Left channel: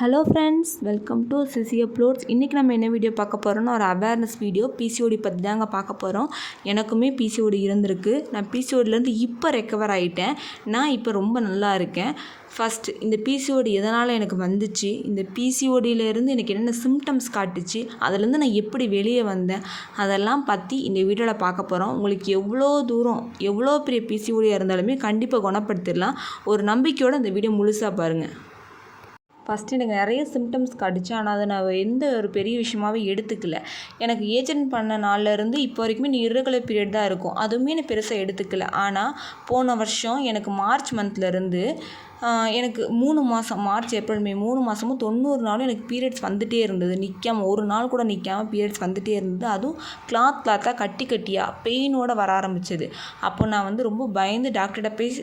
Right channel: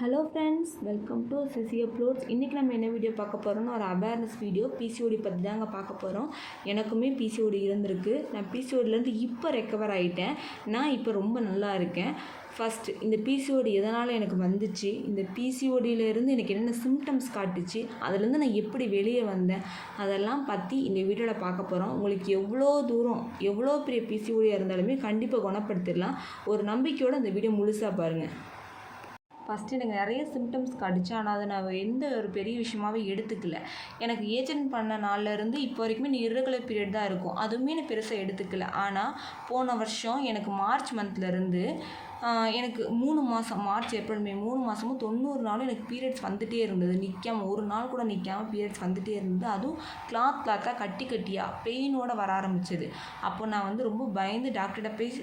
Hello friends, welcome to CC uploads. இன்றைக்கி நம்ம என்ன வீடியோ பார்க்க போகிறோம்னா ஒரு அவேர்னஸ் வீடியோ. பிசிஓடி பற்றி தாங்க பார்க்க போகிறோம். எனக்குமே பிசிஓடி இருந்திருக்கு. நான் பிசிஓடிலேருந்து இப்போ ரெக்கவர் ஆகிட்டேன். நான் இப்போ ரொம்ப நல்லா இருக்கேன். ஃபஸ்ட்டு இந்த பிசிஓடி எதனால் எனக்கு வந்துச்சு, இந்த பிசிஓடியிலேருந்து எனக்கு என்னென்ன சிம்டம்ஸ் காட்டுச்சு, அதுலேருந்து நான் எப்படி வெளியே வந்தேன், அதெல்லாம் பற்றி இந்த வீடியோவில் பார்க்க போகிறோம். உங்களுக்கு எவ்வளோ தூரம் எவ்வளோ பெரிய பிசிஓடியாக இருந்தாலுமே கண்டிப்பாக குணப்படுத்திடலாம். ஒரு நம்பிக்கையோடு இந்த வீடியோ முழுசாக பாருங்கள். ஃபஸ்ட்டு எனக்கு நிறைய சிம்டம்ஸ் காட்டுச்சு. ஆனால் அதை நான் எந்த ஒரு பெரிய விஷயமாகவே எடுத்துக்கல. எனக்கு ஏஜென்ட் பண்ண நாள்லேருந்து இப்போ வரைக்குமே இர்ரெகுலர் பீரியட் தான் இருக்கும். அதுவுமே நான் பெருசாக எடுத்துக்கல. ஆனால் போன வருஷம் எனக்கு மார்ச் மந்த்லேருந்து எனக்கு 3 மாதம், மார்ச் ஏப்ரல் மே 3 மாதமும் 90 நாளும் எனக்கு பீரியட்ஸ் வந்துகிட்டே இருந்தது. நிற்காமல் ஒரு நாள் கூட நிற்காமல் பீரியட்ஸ் வந்துகிட்டே இருந்தது. அதுவும் கிளாத்தாக கட்டியாக பெயினோடு வர ஆரம்பிச்சது. அப்போ நான் ரொம்ப பயந்து டாக்டர்கிட்ட போய்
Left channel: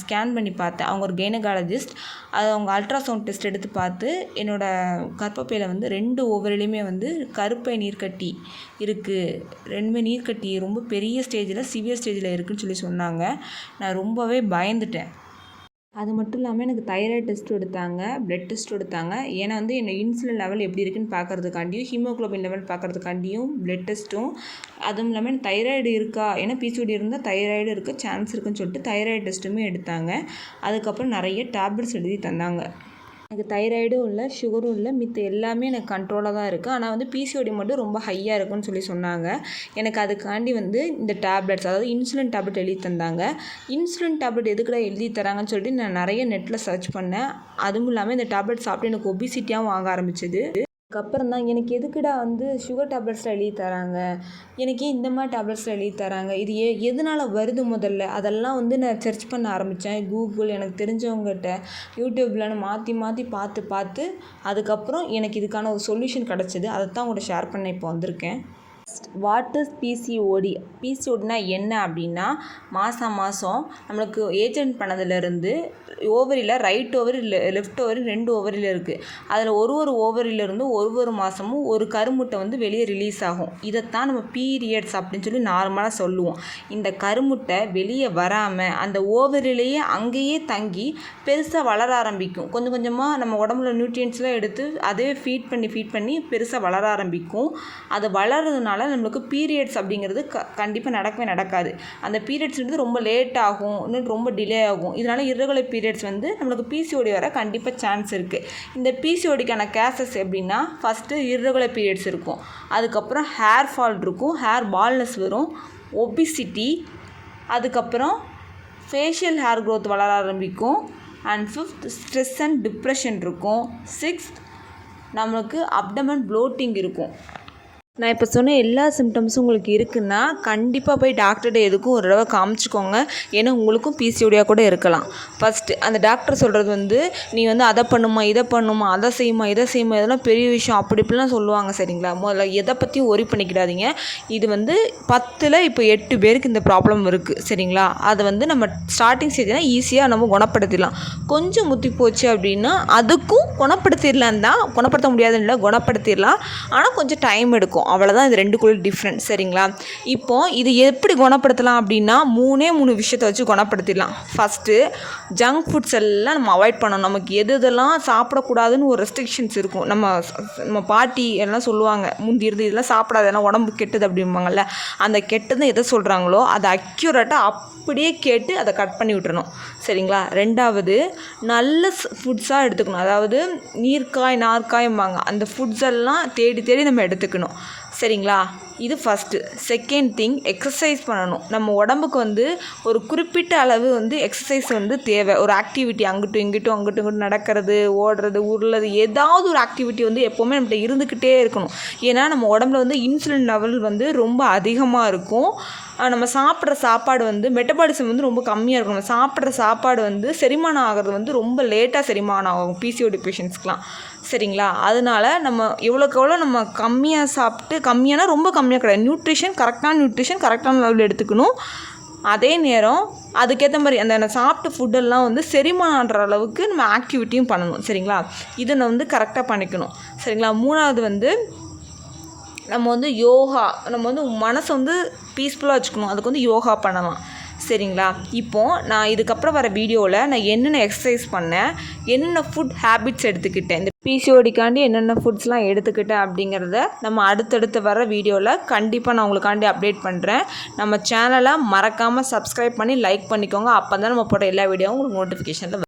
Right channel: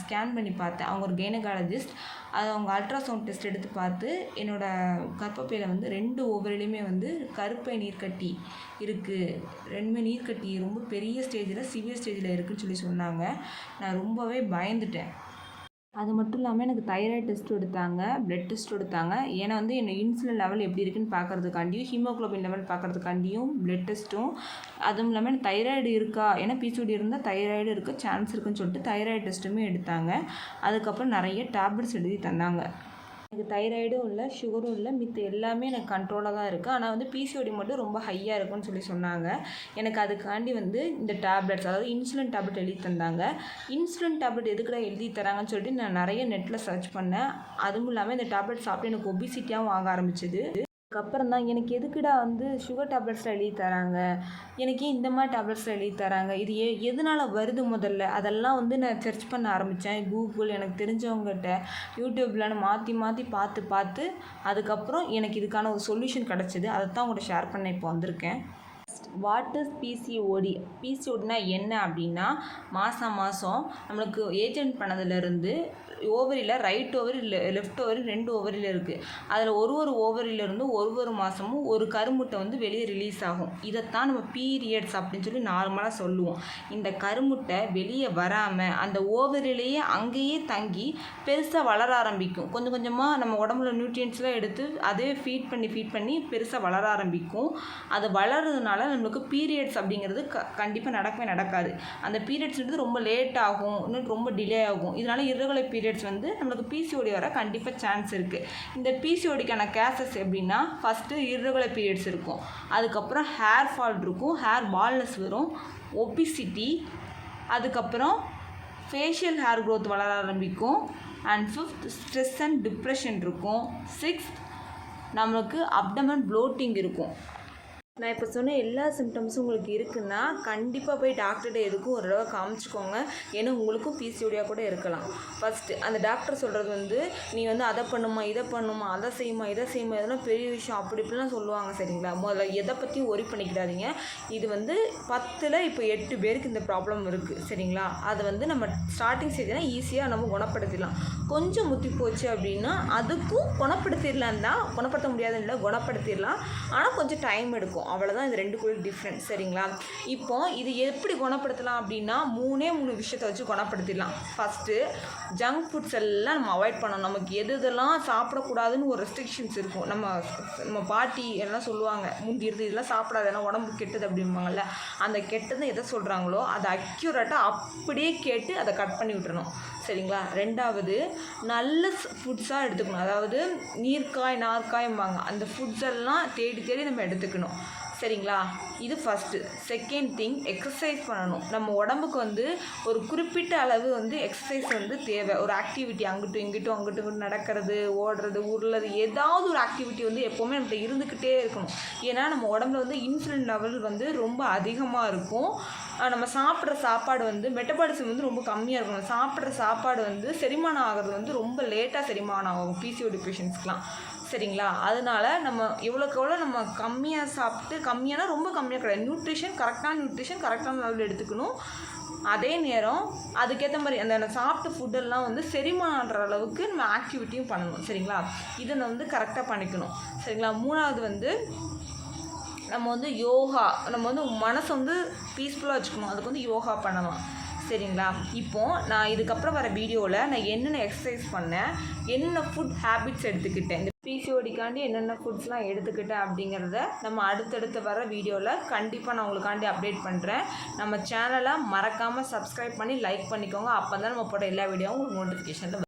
ஸ்கேன் பண்ணி பார்த்தேன். அவங்க ஒரு கைனகாலஜிஸ்ட். அது அவங்க அல்ட்ராசவுண்ட் டெஸ்ட் எடுத்து பார்த்து என்னோடய கர்ப்பப்பையில் 2 ஓவரிலையுமே கருப்பை நீர்க்கட்டி இருக்குது. 2மே நீர்க்கட்டி ரொம்ப பெரிய ஸ்டேஜில், சிவியர் ஸ்டேஜில் இருக்குதுன்னு சொன்னாங்க. நான் ரொம்பவே பயந்துட்டேன். அது மட்டும் இல்லாமல் எனக்கு தைராய்டு டெஸ்ட் எடுத்தாங்க, பிளட் டெஸ்ட் எடுத்தாங்க. ஏன்னா என்ன இன்சுலின் லெவல் எப்படி இருக்குன்னு பார்க்குறதுக்காண்டியும், ஹீமோக்ளோபின் லெவல் பார்க்குறதுக்காண்டியும் பிளட் டெஸ்ட்டும், அதுவும் இல்லாமல் எனக்கு தைராய்டு இருக்கா, ஏன்னா பிசிஓடி இருந்தால் தைராய்டு இருக்க சான்ஸ் இருக்குன்னு சொல்லிட்டு தைராய்டு டெஸ்ட்டுமே எடுத்தாங்க. அதுக்கப்புறம் நிறைய டேப்லெட்ஸ் எழுதி தந்தாங்க. எனக்கு தைராய்டும் இல்லை, சுகரும் இல்லை, மித்த எல்லாமே எனக்கு கண்ட்ரோலாக தான் இருக்குது. ஆனால் பிசிஓடி மட்டும் ரொம்ப ஹையாக இருக்குன்னு சொன்னாங்க. எனக்கு அதுக்காண்டி இந்த டேப்லெட்ஸ், அதாவது இன்சுலின் டேப்லெட் எழுதி தந்தாங்க. இன்சுலின் டேப்லெட் எதுக்குடா எழுதி தராங்கன்னு சொல்லிட்டு நான் நிறைய நெட்டில் சர்ச் பண்ணேன். அதுவும் இல்லாமல் இந்த டேப்லெட் சாப்பிட்டு எனக்கு ஒபிசிட்டியாகவும் ஆக ஆரம்பிச்சிது. அதுக்கப்புறம் தான் எனக்கு எதுக்குடா சுகர் டேப்லெட்ஸில் எழுதி தராங்க, எனக்கு இந்த மாதிரி டேப்லெட்ஸில் எழுதி தராங்க, இது எதனால் வருது முதல்ல, அதெல்லாம் நான் சர்ச் பண்ண ஆரம்பித்தேன். கூகுள், எனக்கு தெரிஞ்சவங்ககிட்ட, யூடியூப்லன்னு மாற்றி பார்த்து அதுக்கப்புறம் எனக்கு இதுக்கான ஒரு சொல்யூஷன் கிடச்சிது. அதை தான் உங்கள்கிட்ட ஷேர் பண்ண இப்போ வந்திருக்கேன். What is PCOD? பிசிஓடினா என்ன அப்படின்னா, மாதம் நம்மளுக்கு ஏஜென்ட் பண்ணதுலேருந்து ஓவரியில் ரைட் ஓவரி லெஃப்ட் ஓவரி 2 ஓவரியில் இருக்குது. அதில் ஒரு ஓவரியிலேருந்து ஒரு மாதமும் ஒரு கருமுட்டை வெளியே ரிலீஸ் ஆகும். இதைத்தான் நம்ம பீரியட்ஸ் அப்படின்னு சொல்லி நார்மலாக சொல்லுவோம். இந்த கருமுட்டை வெளியே வராமல் அந்த ஓவரிலேயே அங்கேயே தங்கி பெருசாக வளர ஆரம்பிக்கும். கொஞ்சம் கொஞ்சமாக நம்ம உடம்புல நியூட்ரியன்ஸ்லாம் எடுத்து அதே ஃபீட் பண்ணி பெருசாக வளர ஆரம்பிக்கும். அது வளர்றதுனால நம்மளுக்கு பீரியட்ஸ் அப்படிங்கிறது கண்டிப்பாக நடக்கவே நடக்காது. அந்த பீரியட்ஸ்ன்றது ரொம்ப லேட் ஆகும், இன்னும் ரொம்ப டிலே ஆகும். இதனால் இர்ரெகுலர் பீரியட்ஸ் நம்மளுக்கு பிசிஓடி வர கண்டிப்பாக சான்ஸ் இருக்குது. இந்த பிசிஓடிக்கான கேசஸ் எப்படின்னா, ஃபஸ்ட்டு இர்ரெகுலர் பீரியட்ஸ் இருக்கும், அதுக்கப்புறம் ஹேர் ஃபால் இருக்கும், ஹேர் பால்னஸ் வரும், ஒபிசிட்டி, அதுக்கப்புறம் ஃபேஷியல் ஹேர் க்ரோத் வளர ஆரம்பிக்கும், and 5th stress and depression இருக்கும், 6th நம்மளுக்கு அப்டமன் ப்ளோட்டிங் இருக்கும். நான் இப்போ சொன்ன எல்லா சிம்டம்ஸும் உங்களுக்கு இருக்குன்னா கண்டிப்பாக போய் டாக்டர்கிட்ட எதுக்கும் ஒரு தடவை காமிச்சிக்கோங்க. ஏன்னா உங்களுக்கும் பிசிஓடியாக கூட இருக்கலாம். ஃபஸ்ட்டு அந்த டாக்டர் சொல்கிறது நீ அதை பண்ணுமா, இதை பண்ணுமா, அதை செய்யுமா, இதை செய்யுமா, இதெல்லாம் பெரிய விஷயம் அப்படி இப்படிலாம் சொல்லுவாங்க. சரிங்களா? முதல்ல எதை பற்றியும் ஒரி பண்ணிக்கிடாதீங்க. இது 10ல் இப்போ 8 பேருக்கு இந்த ப்ராப்ளம் இருக்குது. சரிங்களா? அதை நம்ம ஸ்டார்டிங் ஸ்டேஜ்னால் ஈஸியாக நம்ம குணப்படுத்திடலாம். கொஞ்சம் முத்தி போச்சு அப்படின்னா அதுக்கும் குணப்படுத்திடலாம் தான், குணப்படுத்த முடியாதுன்னு இல்லை, குணப்படுத்திடலாம். ஆனால் கொஞ்சம் டைம் எடுக்கும். அவ்வளோதான் இது 2க்குள்ள டிஃப்ரெண்ட். சரிங்களா? இப்போது இது எப்படி குணப்படுத்தலாம் அப்படின்னா 3 விஷயத்தை வச்சு குணப்படுத்திடலாம். ஃபஸ்ட்டு ஜங்க் ஃபுட்ஸ் எல்லாம் நம்ம அவாய்ட் பண்ணணும். நமக்கு எதெல்லாம் சாப்பிடக்கூடாதுன்னு ஒரு ரெஸ்ட்ரிக்ஷன்ஸ் இருக்கும். நம்ம பாட்டி எல்லாம் சொல்லுவாங்க, முந்தி இருந்து இதெல்லாம் சாப்பிடாது, ஏன்னா உடம்பு கெட்டது அப்படிம்பாங்கள்ல. அந்த கெட்டது எதை சொல்கிறாங்களோ அதை அக்யூரேட்டாக அப்படியே கேட்டு அதை கட் பண்ணி விட்டுறணும். சரிங்களா? 2வது நல்ல ஃபுட்ஸாக எடுத்துக்கணும். அதாவது நார்க்காயம்பாங்க, அந்த ஃபுட்ஸ் எல்லாம் தேடி நம்ம எடுத்துக்கணும். சரிங்களா? இது ஃபஸ்ட்டு. செகண்ட் திங், எக்ஸசைஸ் பண்ணணும். நம்ம உடம்புக்கு ஒரு குறிப்பிட்ட அளவு எக்ஸசைஸ் தேவை. ஒரு ஆக்டிவிட்டி அங்கிட்டும் நடக்கிறது, ஓடுறது, உருளது, ஏதாவது ஒரு ஆக்டிவிட்டி எப்போவுமே நம்மகிட்ட இருந்துக்கிட்டே இருக்கணும். ஏன்னா நம்ம உடம்புல இன்சுலின் லெவல் ரொம்ப அதிகமாக இருக்கும். நம்ம சாப்பிட்ற சாப்பாடு மெட்டபாலிசம் ரொம்ப கம்மியாக இருக்கும். நம்ம சாப்பிட்ற சாப்பாடு செரிமானம் ஆகிறது ரொம்ப லேட்டாக செரிமானம் ஆகும் பிசிஓடி பேஷண்ட்ஸ்க்கெலாம். சரிங்களா? அதனால் நம்ம எவ்வளோக்கு எவ்வளோ நம்ம கம்மியாக சாப்பிட்டு, கம்மியானா ரொம்ப கம்மியாக கிடையாது, கரெக்டான லெவலில் எடுத்துக்கணும். அதே நேரம் அதுக்கேற்ற மாதிரி அந்த சாப்பிட்ட ஃபுட்டெல்லாம் செரிமானம் ஆகிற அளவுக்கு நம்ம ஆக்டிவிட்டியும் பண்ணணும். சரிங்களா? இதை கரெக்டாக பண்ணிக்கணும். சரிங்களா? 3வது நம்ம யோகா, நம்ம மனசை பீஸ்ஃபுல்லாக வச்சுக்கணும். அதுக்கு யோகா பண்ணலாம். சரிங்களா? இப்போது நான் இதுக்கப்புறம் வர வீடியோவில் நான் என்னென்ன எக்ஸசைஸ் பண்ணேன், என்னென்ன ஃபுட் ஹேபிட்ஸ் எடுத்துக்கிட்டேன், இந்த பிசிஓடிக்காண்டி என்னென்ன ஃபுட்ஸ்லாம் எடுத்துக்கிட்டேன் அப்படிங்கிறத நம்ம அடுத்தடுத்து வர வீடியோவில் கண்டிப்பாக நான் உங்களுக்காண்டி அப்டேட் பண்ணுறேன். நம்ம சேனலை மறக்காமல் சப்ஸ்கிரைப் பண்ணி லைக் பண்ணிக்கோங்க. அப்போ தான் நம்ம போட்ட எல்லா வீடியோவும் உங்களுக்கு நோட்டிஃபிகேஷனில்